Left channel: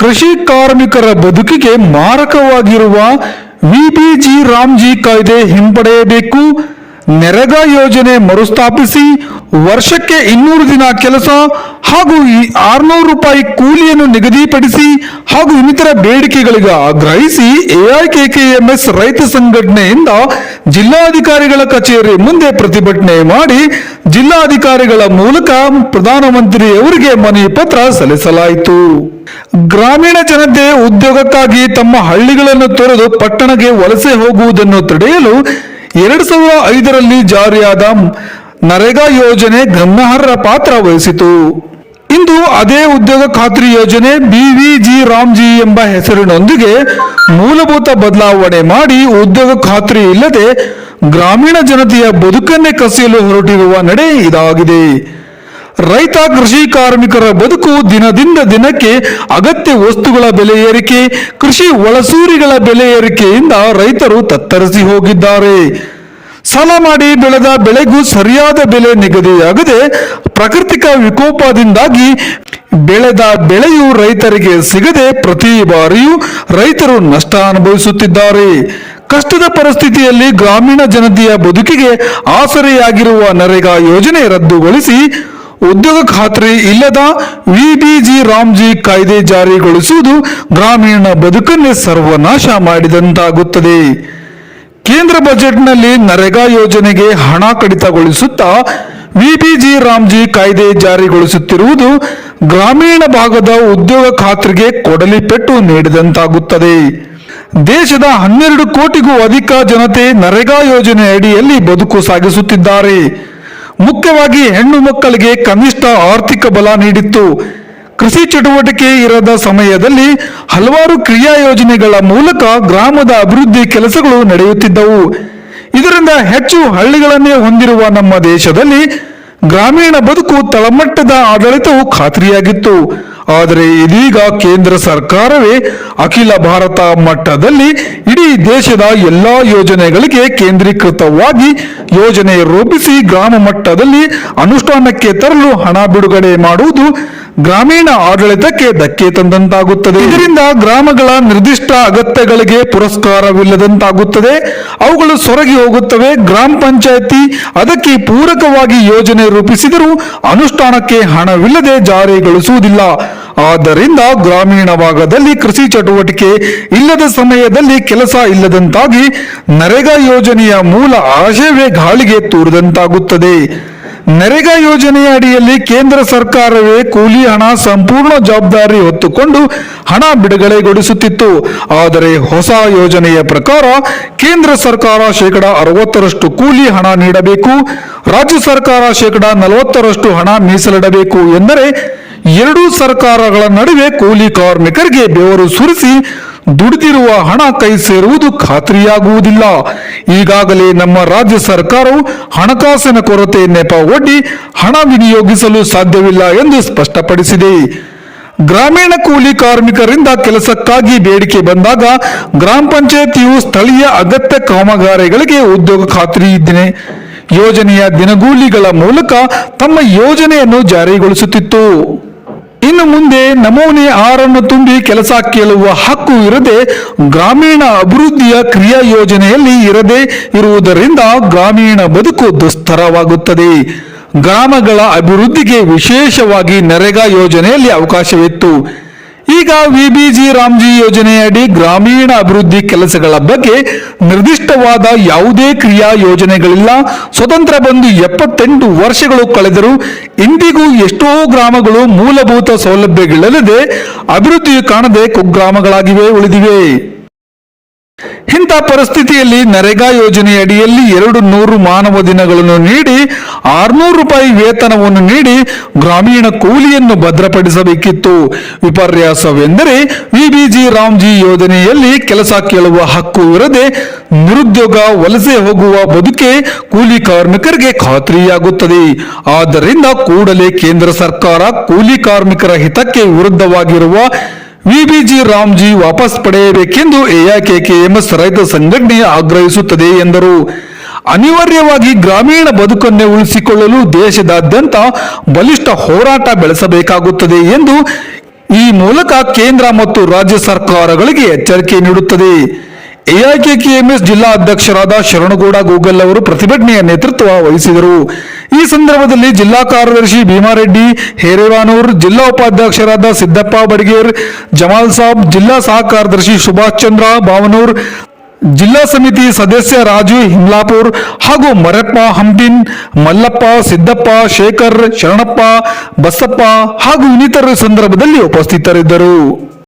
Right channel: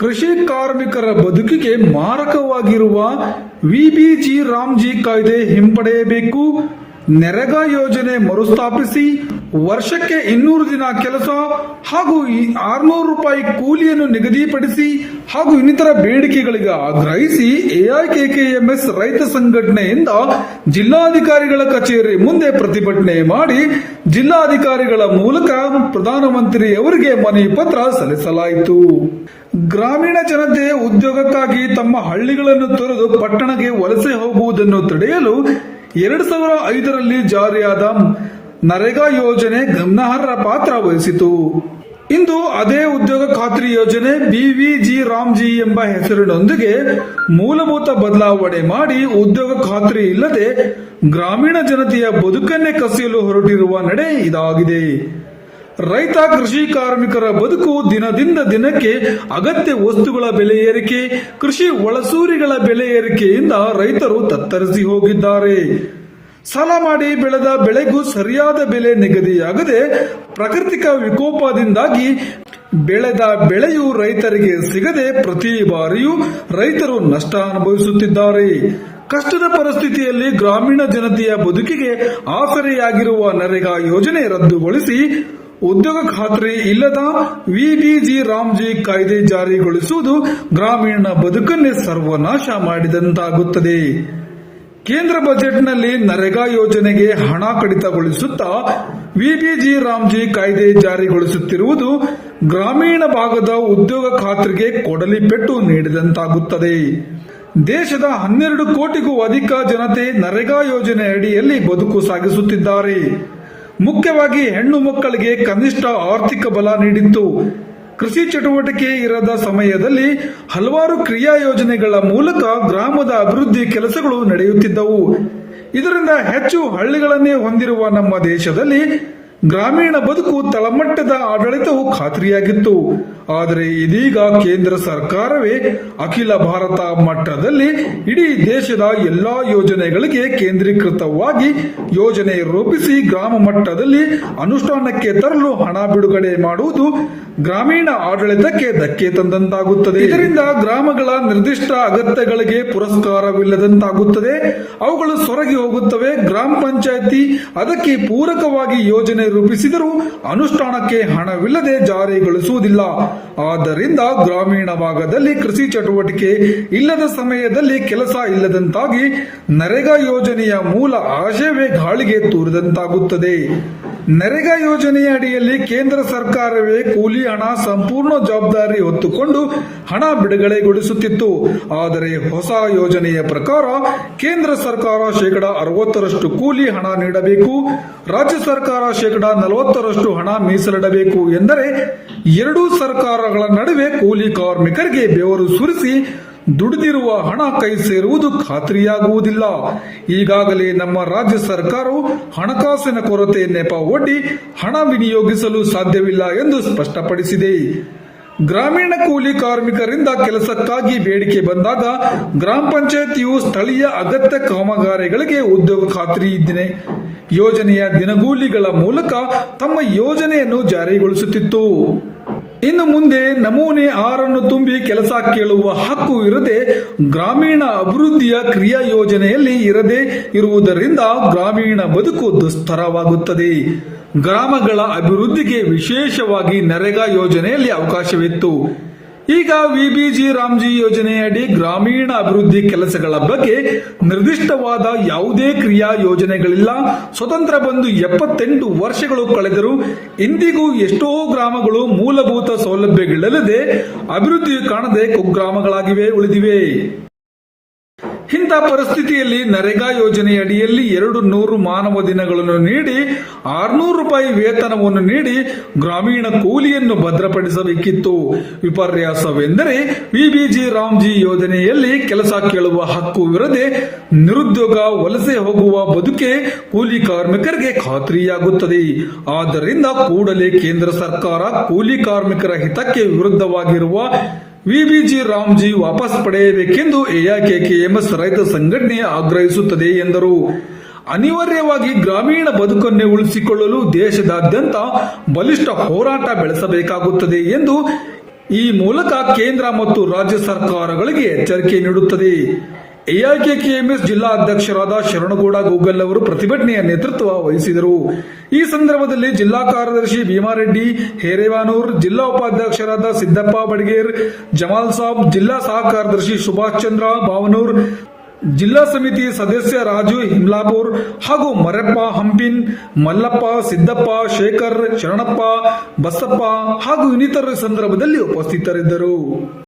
ಕೃಷಿ ಕಾರ್ಮಿಕರ ಬದುಕಿಗೆ ಮಾರಕವಾಗಿರುವ ವಿಬಿಜಿ ರಾಮ್ಜಿ ಕಾಯ್ದೆ ಹಿಂಪಡೆಯಬೇಕು. ನೆರೆಗಾ ಯೋಜನೆ ಮರುಸ್ಥಾಪಿಸಿ ವರ್ಷಕ್ಕೆ ಇನ್ನೂರು ದಿನ ಕೆಲಸ ಹಾಗೂ ಈ ಆರ್ನೂರು ರೂಪಾಯಿ ಕೂಲಿಯನ್ನು ನಿಗದಿಪಡಿಸಿ ಹಾಗೂ ಇನ್ನಿತರ ಬೇಡಿಕೆಗಳಿಗೆ ಆಗ್ರಹಿಸಿ ಎಐಕೆಕೆಎಂಎಸ್ ರೈತ ಸಂಘಟನೆಯಿಂದ ಜಿಲ್ಲಾಧಿಕಾರಿಗಳ ಕಚೇರಿ ಮುಂದೆ ಪ್ರತಿಭಟನೆ ಮಾಡಿ ಜಿಲ್ಲಾಧಿಕಾರಿಗಳ ಮೂಲಕ ಪ್ರಧಾನಮಂತ್ರಿಯವರಿಗೆ ಮನವಿ ಪತ್ರ ಸಲ್ಲಿಸಲಾಯಿತು. ಗ್ರಾಮೀಣ ಜನತೆ ಉದ್ಯೋಗಕ್ಕಾಗಿ ತಮ್ಮ ಹಳ್ಳಿಗಳನ್ನು ತೊರೆದು ಪಟ್ಟಣಕ್ಕೆ ವಲಸೆ ಹೋಗುವುದನ್ನು ತಡೆಯಲು ಎರಡ್ ಸಾವಿರದ ಐದರಲ್ಲಿ ಜಾರಿಯಾದ ನರೇಗಾ ಯೋಜನೆ ಗಮನಾರ್ಹ ಪಾತ್ರ ವಹಿಸಿತು. ಇಂದು ಅದೇ ಉದ್ಯೋಗ ಖಾತ್ರಿ ಯೋಜನೆ ಬಿವಿಜಿ ರಾಮ್ಜಿ ಎಂಬ ಹೆಸರಿನೊಂದಿಗೆ ಮೂಲಭೂತ ಬದಲಾವಣೆ ಮಾಡಿ ಉದ್ಯೋಗ ಖಾತ್ರಿ ಇಲ್ಲದೆ ಗ್ರಾಮೀಣ ಜನತೆಯ ಬದುಕನ್ನೇ ಕಸಿಯಲು ಹೊರಟಿರುವ ನಡೆ ಇದಾಗಿದೆ. ರೈತ, ಕೃಷಿ ಕಾರ್ಮಿಕರ ಬದುಕು ದಿನದಿಂದ ದಿನಕ್ಕೆ ಅಗತ್ಯ ವಸ್ತುಗಳ ಬೆಲೆ ಏರಿಕೆ, ಕೃಷಿ ಒಳಸೂರಿಗಳ ಬೆಲೆ ಏರಿಕೆಯಿಂದ ರೈತರು ತತ್ತರಿಸಿ ಹೋಗಿದ್ದಾರೆ. ಸಾಲ ಮಾಡಿ ಬೆಳೆದ ಬೆಳೆಗೂ ಸರಿಯಾದ ಬೆಲೆ ನಿಗದಿಯಾಗದೆ ಪ್ರಾಕೃತಿಕ ವಿಕೋಪದಿಂದಾಗಿ ಬೆಳೆದ ಬೆಳೆಯು ರೈತರಿಗೆ ಸಿಗದೆ ಪ್ರತಿ ಬಾರಿಯೂ ರೈತರು ನಷ್ಟ ಅನುಭವಿಸುತ್ತಿದ್ದಾರೆ. ಕಷ್ಟದ ಪರಿಸ್ಥಿತಿಯಲ್ಲಿ ಗ್ರಾಮೀಣ ಜನತೆಯ ಬದುಕಿಗೆ ಆಸರೆಯಾಗಿರುವ ನರೇಗಾ ಯೋಜನೆ ರದ್ದುಗೊಳಿಸಿ ಉದ್ಯೋಗ ಖಾತ್ರಿ ಇಲ್ಲದ ವಿಬಿಜಿ ರಾಮ್ಜಿ ಕಾಯ್ದೆ ಜಾರಿಗೊಳಿಸುವುದು ಗ್ರಾಮೀಣ ಬದುಕನ್ನೇ ಸರ್ವನಾಶ ಮಾಡಿದಂತಾಗುತ್ತದೆ. ಕೇಂದ್ರ ಬಜೆಟ್ನಲ್ಲಿ ನರೇಗಾ ಯೋಜನೆಗೆ ಹಣ ಕಡಿತಗೊಳಿಸುತ್ತಾ ವಿಬಿಜಿ ರಾಮ್ಜಿ ಕಾಯ್ದೆ ಜಾರಿಗೊಳಿಸುತ್ತಿರುವುದು ಗ್ರಾಮೀಣ ಭಾಗದ ಉದ್ಯೋಗ ಖಾತ್ರಿಗೆ ಕೊಡಲಿ ಪೆಟ್ಟು ನೀಡಿದಂತಾಗುತ್ತದೆ. ದೇಶದ ಹನ್ನೆರಡು ಕೋಟಿಗೂ ಅಧಿಕ ಜನತೆ ನರೇಗಾ ಯೋಜನೆ ಅಡಿಯಲ್ಲಿ ಬದುಕು ಸಾಗಿಸುತ್ತಿದ್ದಾರೆ. ಮುಖ್ಯವಾಗಿ ಹೆಣ್ಣು ಮಕ್ಕಳಿಗೆ ಕನಿಷ್ಠ ಆರ್ಥಿಕ ಬಲ ನೀಡಿತ್ತು. ಕೃಷಿ ಚಟುವಟಿಕೆ ಇರದ ಸಮಯದಲ್ಲಿ ಹಲವಾರು ಕ್ರಿಯಾ ಯೋಜನೆಗಳ ಮೂಲಕ ಗ್ರಾಮದ ಅಭಿವೃದ್ಧಿ ಕೆಲಸಗಳು ನಡೆಯುತ್ತಿದ್ದವು. ಇದರಿಂದ ಹೆಚ್ಚು ಹಳ್ಳಿಗಳನ್ನೇ ಹೊಂದಿರುವ ನಮ್ಮ ದೇಶದಲ್ಲಿ ಗ್ರಾಮೀಣ ಬದುಕು ತಳಮಟ್ಟದ ಆಡಳಿತವು ಖಾತ್ರಿಯಾಗಿತ್ತು. ಆದರೆ ಇದೀಗ ಕೇಂದ್ರ ಸರ್ಕಾರವೇ ಅಖಿಲ ಭಾರತ ಮಟ್ಟದಲ್ಲಿ ಇಡೀ ದೇಶದ ಎಲ್ಲಾ ಯೋಜನೆಗಳಿಗೆ ಕೇಂದ್ರೀಕೃತವಾಗಿ ಯೋಜನೆ ರೂಪಿಸಿ ಗ್ರಾಮ ಮಟ್ಟದಲ್ಲಿ ಅನುಷ್ಠಾನಕ್ಕೆ ತರಲು ಹಣ ಬಿಡುಗಡೆ ಮಾಡುವುದು ಗ್ರಾಮೀಣ ಆಡಳಿತಕ್ಕೆ ಧಕ್ಕೆ ತಂದಂತಾಗುತ್ತದೆ. ಇದರಿಂದ ಗ್ರಾಮಗಳ ನಿರ್ದಿಷ್ಟ ಅಗತ್ಯಗಳಿಗೆ ಪುರಸ್ಕಾರವಿಲ್ಲದಂತಾಗುತ್ತದೆ. ಅವುಗಳು ಸೊರಗಿ ಹೋಗುತ್ತವೆ. ಗ್ರಾಮ ಪಂಚಾಯಿತಿ ಅದಕ್ಕೆ ಪೂರಕವಾಗಿ ಯೋಜನೆ ರೂಪಿಸಿದರೂ ಅನುಷ್ಠಾನಕ್ಕೆ ಹಣವಿಲ್ಲದೆ ಜಾರಿಗೊಳಿಸುವುದಿಲ್ಲ. ಆದ್ದರಿಂದ ಗ್ರಾಮೀಣ ಭಾಗದಲ್ಲಿ ಕೃಷಿ ಚಟುವಟಿಕೆ ಇಲ್ಲದ ಸಮಯದಲ್ಲಿ ಕೆಲಸ ಇಲ್ಲದಂತಾಗಿ ನರೇಗಾ ಯೋಜನೆಯ ಮೂಲ ಆಶಯವೇ ಗಾಳಿಗೆ ತೂರಿದಂತಾಗುತ್ತದೆ. ನರೇಗಾ ಯೋಜನೆಯ ಅಡಿಯಲ್ಲಿ ಕೇಂದ್ರ ಸರ್ಕಾರವೇ ಕೂಲಿ ಹಣ ಸಂಪೂರ್ಣ ಜವಾಬ್ದಾರಿ ಹೊತ್ತುಕೊಂಡು ಹಣ ಬಿಡುಗಡೆಗೊಳಿಸುತ್ತಿತ್ತು. ಆದರೆ ಹೊಸ ಯೋಜನೆಯ ಪ್ರಕಾರ ಕೇಂದ್ರ ಸರ್ಕಾರ ಶೇಕಡ ಅರವತ್ತರಷ್ಟು ಕೂಲಿ ಹಣ ನೀಡಬೇಕು. ರಾಜ್ಯ ಸರ್ಕಾರ ಶೇಕಡ ನಲವತ್ತರಷ್ಟು ಹಣ ಮೀಸಲಿಡಬೇಕು ಎಂದರೆ ಎರಡೂ ಸರ್ಕಾರಗಳ ನಡುವೆ ಕೂಲಿ ಕಾರ್ಮಿಕರಿಗೆ ಬೆವರು ಸುರಿಸಿ ದುಡಿದಿರುವ ಹಣ ಕೈ ಸೇರುವುದು ಖಾತ್ರಿಯಾಗುವುದಿಲ್ಲ. ಈಗಾಗಲೇ ನಮ್ಮ ರಾಜ್ಯ ಸರ್ಕಾರವು ಹಣಕಾಸಿನ ಕೊರತೆ ನೆಪ ಒಡ್ಡಿ ಹಣ ವಿನಿಯೋಗಿಸಲು ಸಾಧ್ಯವಿಲ್ಲ ಎಂದು ಸ್ಪಷ್ಟಪಡಿಸಿದೆ. ಗ್ರಾಮೀಣ ಕೂಲಿ ಕಾರ್ಮಿಕರಿಂದ ಕೆಲಸಕ್ಕಾಗಿ ಬೇಡಿಕೆ ಬಂದಾಗ ಗ್ರಾಮ ಪಂಚಾಯತಿಯು ಸ್ಥಳೀಯ ಅಗತ್ಯ ಕಾಮಗಾರಿಗಳಿಗೆ ಉದ್ಯೋಗ ಖಾತ್ರಿ ಇದ್ದೇನೆ ಯೋಜನೆಯ ದಿನಗೂಲಿಗಳ ಮೂಲಕ ತಮ್ಮ ಯೋಜನೆಯನ್ನು ಜಾರಿಗೊಳಿಸುತ್ತಿತ್ತು. ಇನ್ನು ಮುಂದೆ ನಮೂನೆ ಆರನ್ನು ತುಂಬಿ ಕೆಲಸ ಕೇಳುವ ಹಕ್ಕು ಇರದೆ ಗ್ರಾಮೀಣ ಅಭಿವೃದ್ಧಿಯ ಕ್ರಿಯಾ ಯೋಜನೆಯಲ್ಲಿ ಇರದೆ ಇರುವುದರಿಂದ ಗ್ರಾಮೀಣ ಬದುಕು ದುಸ್ತರವಾಗುತ್ತದೆ. ಗ್ರಾಮಗಳ ಅಭಿವೃದ್ಧಿಗೆ ವಿಶೇಷವಾಗಿ ನರೇಗಾ ಯೋಜನೆಯಲ್ಲಿ ಅವಕಾಶವಿತ್ತು. ಈಗ ವಿಬಿಜಿ ರಾಮ್ಜಿ ಯೋಜನೆಯಡಿ ಗ್ರಾಮೀಣ ಅಭಿವೃದ್ಧಿ ಕೆಲಸಗಳ ಬಗ್ಗೆ ನಿರ್ದಿಷ್ಟವಾದ ಯಾವುದೇ ಕ್ರಿಯಾ ಯೋಜನೆಗಳಿಲ್ಲ. ಸ್ವತಂತ್ರ ಬಂದು ಎಪ್ಪತ್ತೆಂಟು ವರ್ಷಗಳು ಕಳೆದರೂ ಇಂದಿಗೂ ಎಷ್ಟೋ ಗ್ರಾಮಗಳು ಮೂಲಭೂತ ಸೌಲಭ್ಯಗಳಿಲ್ಲದೆ ಅಭಿವೃದ್ಧಿ ಕಾಣದೆ ಕುಗ್ರಾಮಗಳಾಗಿವೆ, ಉಳಿದಿವೆ. ಇಂಥ ಪರಿಸ್ಥಿತಿಯಲ್ಲಿ ನರೇಗಾ ಯೋಜನೆಯ ಅಡಿಯಲ್ಲಿ ಎರಡು ನೂರು ಮಾನವ ದಿನಗಳನ್ನು ನೀಡಿ, ಆರ್ನೂರು ರೂಪಾಯಿ ವೇತನವನ್ನು ನೀಡಿ ಗ್ರಾಮೀಣ ಕೂಲಿಯನ್ನು ಭದ್ರಪಡಿಸಬೇಕಿತ್ತು. ವಿಪರ್ಯಾಸವೆಂದರೆ ವಿಬಿಜಿ ರಾಮ್ಜಿ ಯೋಜನೆಯಲ್ಲಿ ಕೆಲಸ ಕೇಳುವ ಹಕ್ಕು ಇರದೆ ನಿರುದ್ಯೋಗ ವಲಸೆ ಹೋಗುವ ಬದುಕೆ ಕೂಲಿ ಕಾರ್ಮಿಕರಿಗೆ ಖಾತ್ರಿಯಾಗುತ್ತದೆ. ಆದ್ದರಿಂದ ಕೂಡಲೇ ಕೇಂದ್ರ ಸರ್ಕಾರ ಕೂಲಿ ಕಾರ್ಮಿಕರ ಹಿತಕ್ಕೆ ವಿರುದ್ಧವಾಗಿರುವ ವಿಬಿಜಿ ರಾಮ್ಜಿ ವಾಪಸ್ ಪಡೆಯಬೇಕೆಂದು ಎಐಕೆಕೆಎಂಎಸ್ ರೈತ ಸಂಘಟನೆ ಆಗ್ರಹಿಸುತ್ತದೆ ಎಂದರು. ಅನಿವಾರ್ಯವಾಗಿ ಗ್ರಾಮೀಣ ಬದುಕನ್ನೇ ಉಳಿಸಿಕೊಳ್ಳಲು ದೇಶದಾದ್ಯಂತ ಬಲಿಷ್ಠ ಹೋರಾಟ ಬೆಳೆಸಬೇಕಾಗುತ್ತದೆ ಎಂದು ಈ ಮೂಲಕ ಕೇಂದ್ರ ಮತ್ತು ರಾಜ್ಯ ಸರ್ಕಾರಗಳಿಗೆ ಎಚ್ಚರಿಕೆ ನೀಡುತ್ತದೆ. ಎಐಕೆಕೆಎಂಎಸ್ ಜಿಲ್ಲಾ ಅಧ್ಯಕ್ಷರಾದ ಶರಣಗೌಡ ಗೂಗಲ್ ಅವರು ಪ್ರತಿಭಟನೆಯ ನೇತೃತ್ವ ವಹಿಸಿದರು. ಈ ಸಂದರ್ಭದಲ್ಲಿ ಜಿಲ್ಲಾ ಕಾರ್ಯದರ್ಶಿ ಭೀಮಾರೆಡ್ಡಿ, ಹೇರೇವಾನೂರ್, ಜಿಲ್ಲಾ ಉಪಾಧ್ಯಕ್ಷರಾದ ಸಿದ್ದಪ್ಪ ಬಡಗೇರ್, ಜಮಾಲ್ ಸಾಬ್, ಜಿಲ್ಲಾ ಸಹ ಕಾರ್ಯದರ್ಶಿ ಸುಭಾಷ್ ಚಂದ್ರ, ಭಾವನೂರ್, ಜಿಲ್ಲಾ ಸಮಿತಿ ಸದಸ್ಯ ರಾಜು ಹಿಮ್ಲಾಪುರ್ ಹಾಗೂ ಮರಪ್ಪ ಹಂಪಿನ್, ಮಲ್ಲಪ್ಪ, ಸಿದ್ದಪ್ಪ, ಶೇಖರ್, ಶರಣಪ್ಪ, ಬಸಪ್ಪ ಹಾಗೂ ಇನ್ನಿತರರ ಸಂದರ್ಭದಲ್ಲಿ ಉಪಸ್ಥಿತರಿದ್ದರು.